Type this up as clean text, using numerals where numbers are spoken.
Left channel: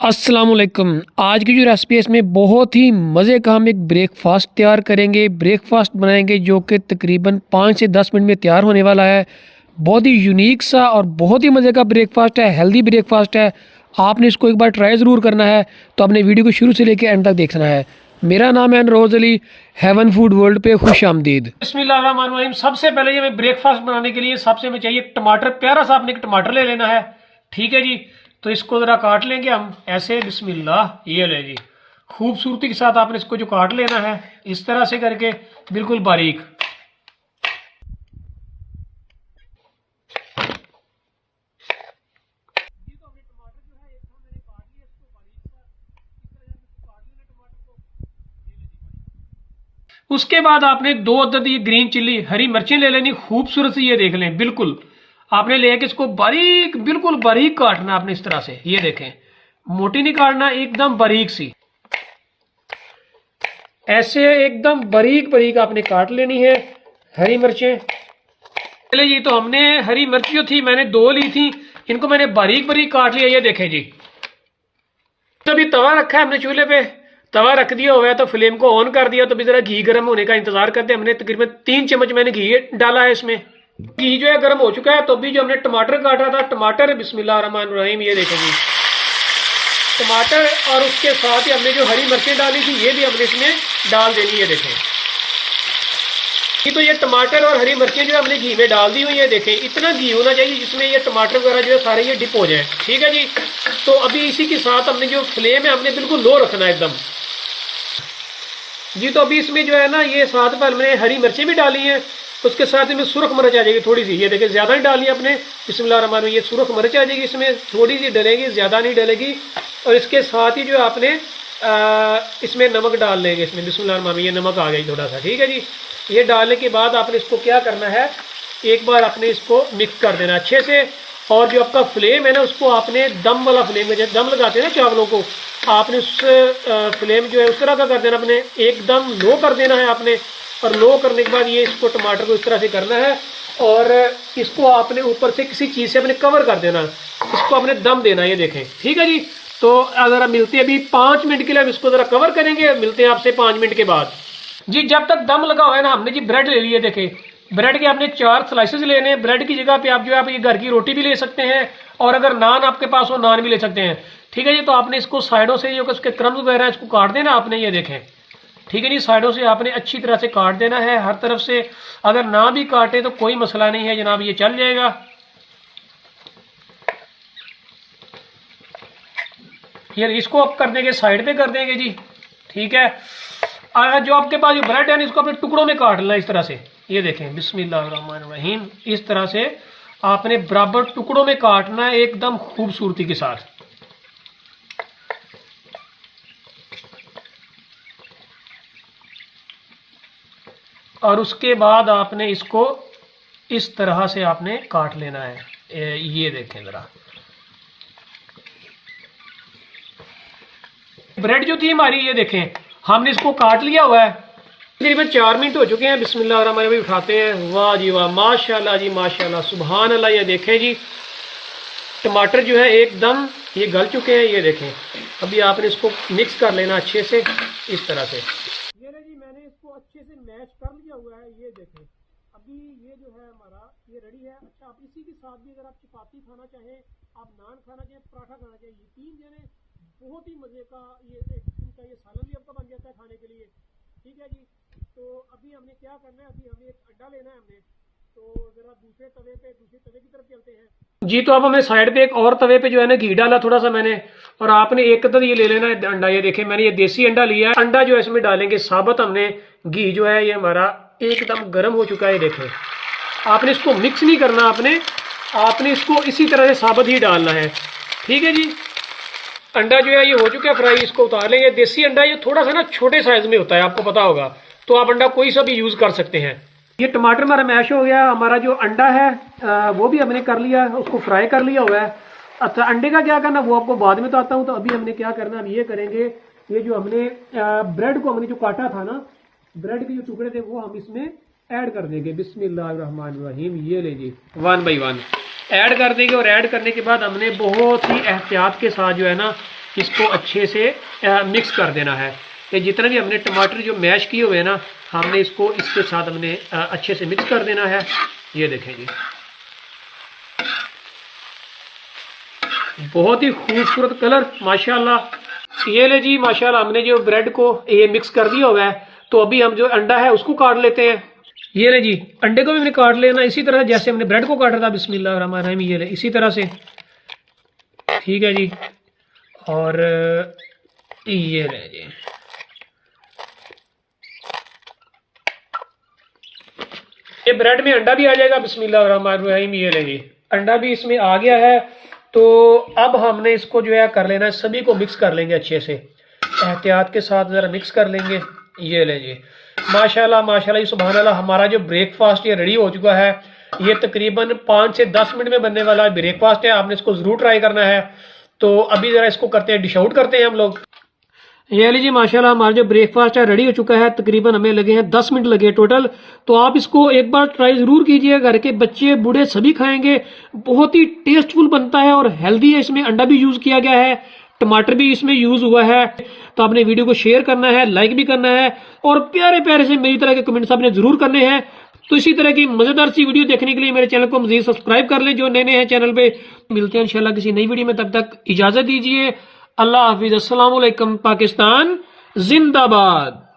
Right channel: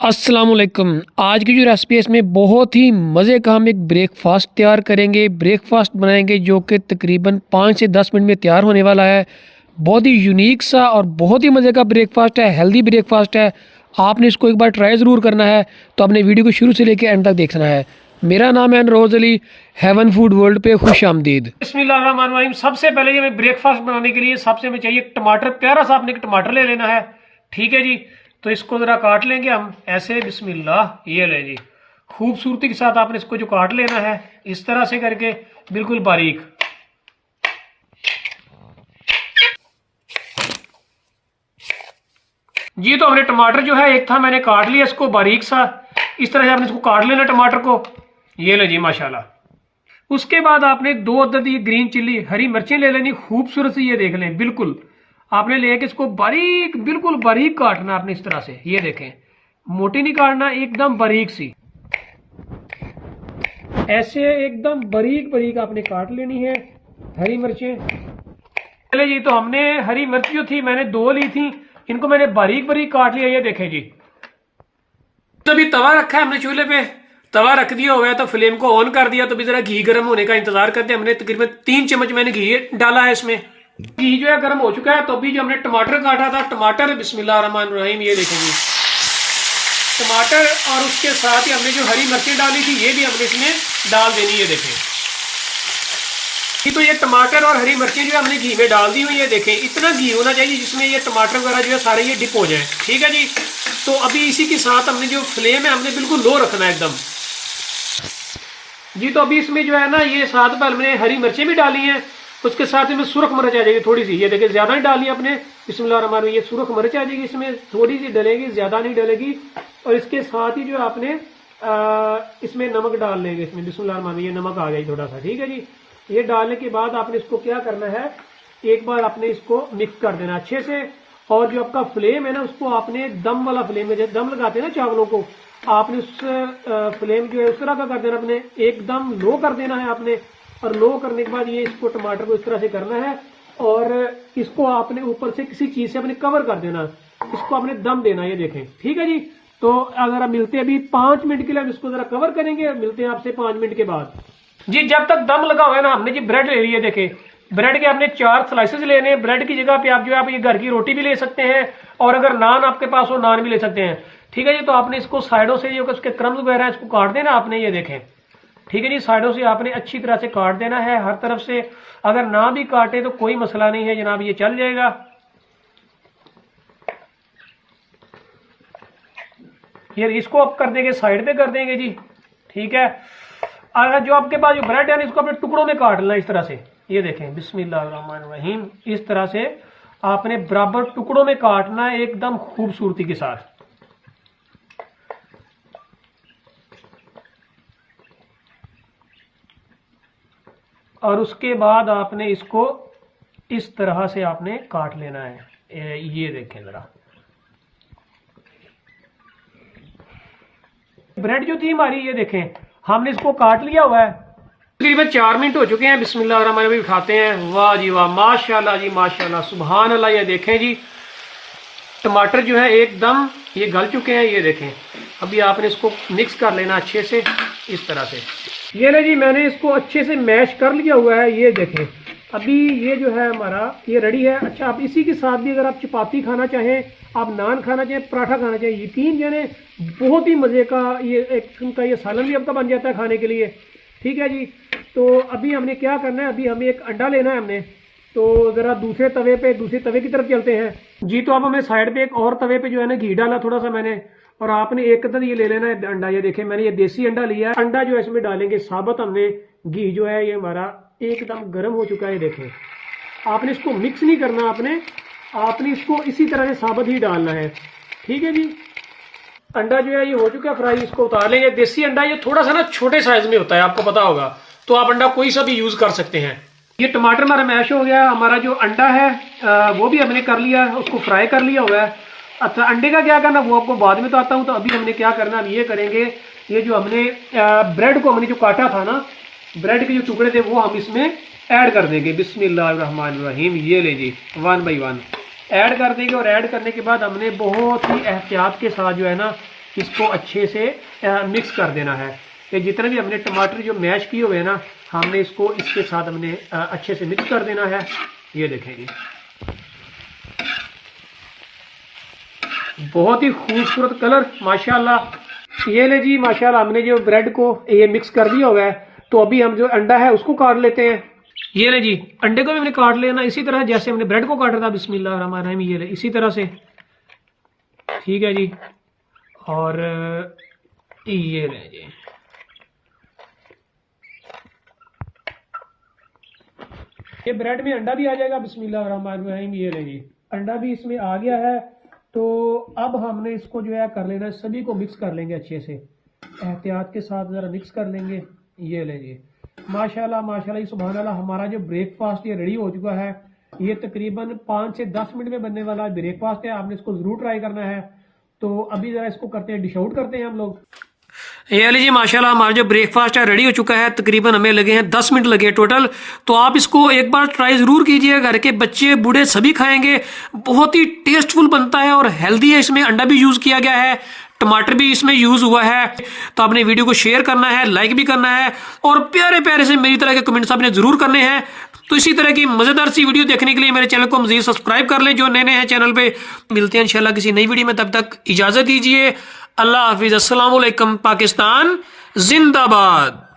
अस्सलामुअलैकुम। आज की जो रेसिपी है इसमें बहुत ही मज़े का हम एक ब्रेकफास्ट तैयार करेंगे। ब्रेकफास्ट बनाएंगे जो कि तकरीबन 5 से 10 मिनट में तैयार होने वाला है। बहुत ही यूनिक सा और बहुत ही मज़े का ब्रेकफास्ट है, हेल्दी ब्रेकफास्ट है। आपने इसको एक बार ट्राई ज़रूर करना है, तो आपने वीडियो को शुरू से लेकर एंड तक देखना है। मेरा नाम है रोज़ अली, हेवन फूड वर्ल्ड पे खुश आमदीद। बिस्मिल्लाहिर्रहमानिर्रहीम। सबसे पहले ये हमें ब्रेकफास्ट बनाने के लिए सबसे हमें चाहिए टमाटर। प्यारा सा आपने एक टमाटर ले लेना है, ठीक है जी। तो इसको ज़रा काट लेंगे हम ऐसे, बिस्मिल्लाह। ये ले जी, खूबसूरती के साथ आपने इसको जो काट लेना है इस तरह से करके, बिल्कुल बारीक। जी तो हमने टमाटर जो है एक था मैंने काट लिया इसको बारीक सा, इस तरह से आपने इसको काट लेना टमाटर को। ये ले जी माशाल्लाह। उसके बाद आपने 2 अदद ये ग्रीन चिल्ली हरी मिर्चें ले लेनी, खूबसूरत सी। ये देख लें, बिल्कुल आपने लेके इसको बारीक, बिल्कुल बारीक काटना आपने इस तरह से। ये देखें, मोटी नहीं काटना, एकदम बारीक सी, ऐसे एकदम बारीक बारीक आपने काट लेनी है हरी मिर्चें। चले जी, तो हमने हरी मिर्च जो थी मैंने 2 ली थी, इनको मैंने बारीक बारीक काट लिया। ये देखें जी, तो अभी तवा रखा है हमने चूल्हे पे, तवा रख दिया हुआ है, तो फ्लेम को ऑन कर दिया। तो अभी जरा घी गर्म होने का इंतजार करते हैं। हमने तकरीबन 3 चम्मच मैंने घी डाला है इसमें। घी जो है गर्म हो चुका है। तो अभी जो हमने टमाटर काटा था, टमाटर बिस्मिल्लाहिर्रहमानिर्रहीम, ये देखेंगे टमाटर, और उसके साथ ही हमने जो हरी मिर्चें डाली थी ये भी हमने इसमें डाल देनी। ये देखें, तो ये टमाटर और हरी मिर्चें जो है हमने घी में डाल दी हुई। ये देखें, इतना घी होना चाहिए जिसमें ये टमाटर वगैरह जो है सारे ये डिप हो जाए, ठीक है जी। तो अभी इसी के साथ हमने जो फ्लेम है हमने बिल्कुल लो रखना है एकदम जी। तो अभी इसमें जो है ना, ये साथ में हमने हरी मिर्चें भी डाली हैं, उसके साथ में सुरख मिर्च आ जाएगी थोड़ी सी। ये देखिए, ज़्यादा नहीं डाली अपने, बिस्मिल्लाहिर्रहमानिर्रहीम। ये सुरख मिर्च आ जाएगी इसमें, थोड़ी सी डलेगी, ज़्यादा नहीं डलेगी। और इसके साथ ही जो आपने इसमें नमक डाल लेंगे इसमें, बिस्मिल्लाहिर्रहमानिर्रहीम। ये नमक आ गई थोड़ा सा, ठीक है जी। ये डालने के बाद आपने इसको क्या करना है, एक बार आपने इसको मिक्स कर देना अच्छे से। और जो आपका फ्लेम है ना, उसको आपने दम वाला फ्लेम में, जैसे दम लगाते हैं ना चावलों को, आपने उस फ्लेम जो है उस तरह का कर देना, अपने एकदम लो कर देना है आपने। और लो करने के बाद ये इसको टमाटर को इस तरह से करना है, और इसको आपने ऊपर से किसी चीज़ से अपने कवर कर देना, इसको आपने दम देना। ये देखें, ठीक है जी। तो अगर आप मिलते हैं अभी 5 मिनट के लिए, हम इसको ज़रा कवर करेंगे, मिलते हैं आपसे 5 मिनट के बाद जी। जब तक दम लगा हुआ है ना, हमने जी ब्रेड ले लिया। देखें, ब्रेड के आपने 4 स्लाइसेस लेने हैं। ब्रेड की जगह पे आप जो है आप ये घर की रोटी भी ले सकते हैं, और अगर नान आपके पास हो नान भी ले सकते हैं, ठीक है जी। तो आपने इसको साइडों से जो उसके क्रम्स वगैरह है इसको काट देना आपने। ये देखें, ठीक है जी, साइडों से आपने अच्छी तरह से काट देना है हर तरफ से। अगर ना भी काटे तो कोई मसला नहीं है जनाब, ये चल जाएगा। ये इसको आप कर देंगे, साइड पे कर देंगे जी, ठीक है। अगर जो आपके पास जो ब्रेड है ना, इसको अपने टुकड़ों में काट लेना इस तरह से। ये देखें, बिस्मिल्लाहिर्रहमानिर्रहीम, इस तरह से आपने बराबर टुकड़ों में काटना है एकदम खूबसूरती के साथ। और उसके बाद आपने इसको इस तरह से आपने काट लेना है। ये देखें ज़रा, ब्रेड जो थी हमारी, ये देखें हमने इसको काट लिया हुआ है। तकरीबन 4 मिनट हो चुके हैं। बिस्मिल्लाहिर्रहमानिर्रहीम, उठाते हैं। वाह जी वाह, माशाल्लाह जी माशाल्लाह, सुभान अल्लाह। ये देखें जी, टमाटर जो है एकदम ये गल चुके हैं। ये देखें, अभी आपने इसको मिक्स कर लेना अच्छे से इस तरह से। ये ले जी, मैंने इसको अच्छे से मैश कर लिया हुआ है। ये देखें, अभी ये जो है हमारा ये रेडी है। अच्छा, आप इसी के साथ भी अगर आप चपाती खाना चाहें, आप नान खाना चाहें, पराठा खाना चाहें, यकीन जाने बहुत ही मज़े का ये एक किस्म का ये सालन भी आपका बन जाता है खाने के लिए, ठीक है जी। तो अभी हमने क्या करना है, अभी हमें एक अंडा लेना है हमने। तो ज़रा दूसरे तवे की तरफ चलते हैं जी। तो अब हमें साइड पे एक और तवे पे जो है ना घी डाला थोड़ा सा मैंने, और आपने एक अदद ये ले लेना है अंडा। ये देखें, मैंने ये देसी अंडा लिया है। अंडा जो है इसमें डालेंगे साबुत हमने। घी जो है ये हमारा एकदम गर्म हो चुका है। ये देखें, आपने इसको मिक्स नहीं करना, आपने इसको इसी तरह से साबुत ही डालना है, ठीक है जी। अंडा जो है ये हो चुका है फ्राई, इसको उतार लेंगे। देसी अंडा ये थोड़ा सा ना छोटे साइज में होता है, आपको पता होगा, तो आप अंडा कोई सा भी यूज़ कर सकते हैं। ये टमाटर हमारा मैश हो गया। हमारा जो अंडा है वो भी हमने कर लिया, उसको फ्राई कर लिया हुआ है। अच्छा, अंडे का क्या करना वो आपको बाद में बताता हूँ। तो अभी हमने क्या करना, अब ये करेंगे, ये जो हमने ब्रेड को हमने जो काटा था ना, ब्रेड के जो टुकड़े थे वो हम इसमें ऐड कर देंगे। बिस्मिल्लाहिर्रहमानिर्रहीम, ये ले जी 1 बाई 1 ऐड कर देंगे। और ऐड करने के बाद हमने बहुत ही एहतियात के साथ जो है ना, इसको अच्छे से मिक्स कर देना है। ये जितना भी हमने टमाटर जो मैश किए हुए हैं ना, हमने इसको इसके साथ हमने अच्छे से मिक्स कर देना है। ये देखें जी, बहुत ही खूबसूरत कलर माशाल्लाह। ये ले जी माशाल्लाह, हमने जो ब्रेड को ये मिक्स कर दिया हुआ है, तो अभी हम जो अंडा है उसको काट लेते हैं। ये ले जी, अंडे को भी हमने काट लेना इसी तरह जैसे हमने ब्रेड को काटा था। बिस्मिल्लाहिर्रहमानिर्रहीम। ये ले इसी तरह से, ठीक है जी। और ये ले जी, ये ब्रेड में अंडा भी आ जाएगा। बिस्मिल्लाहिर्रहमानिर्रहीम। ये ले जी, अंडा भी इसमें आ गया है। तो अब हमने इसको जो है कर लेना है, सभी को मिक्स कर लेंगे अच्छे से, एहतियात के साथ ज़रा मिक्स कर लेंगे। ये ले जी माशाल्लाह माशाल्लाह, सुभान अल्लाह। हमारा जो ब्रेकफास्ट ये रेडी हो चुका है। ये तकरीबन 5 से 10 मिनट में बनने वाला ब्रेकफास्ट है। आपने इसको ज़रूर ट्राई करना है। तो अभी ज़रा इसको करते हैं, डिश आउट करते हैं हम लोग। ये लीजिए माशाल्लाह, हमारा जो ब्रेकफास्ट है रेडी हो चुका है। तकरीबन हमें लगे हैं 10 मिनट लगे टोटल। तो आप इसको एक बार ट्राई ज़रूर कीजिए, घर के बच्चे बूढ़े सभी खाएंगे। बहुत ही टेस्टफुल बनता है और हेल्दी है। इसमें अंडा भी यूज़ किया गया है, टमाटर भी इसमें यूज़ हुआ है। तो आपने वीडियो को शेयर करना है, लाइक भी करना है, और प्यारे प्यारे से मेरी तरह के कमेंट्स आपने ज़रूर करने हैं। तो इसी तरह की मज़ेदार सी वीडियो देखने के लिए मेरे चैनल को मज़ीद सब्सक्राइब कर लें जो नए हैं चैनल पे। मिलते हैं इंशाल्लाह किसी नई वीडियो में, तब तक इजाज़त दीजिए। अल्लाह हाफिज़। अस्सलाम वालेकुम। पाकिस्तान जिंदाबाद।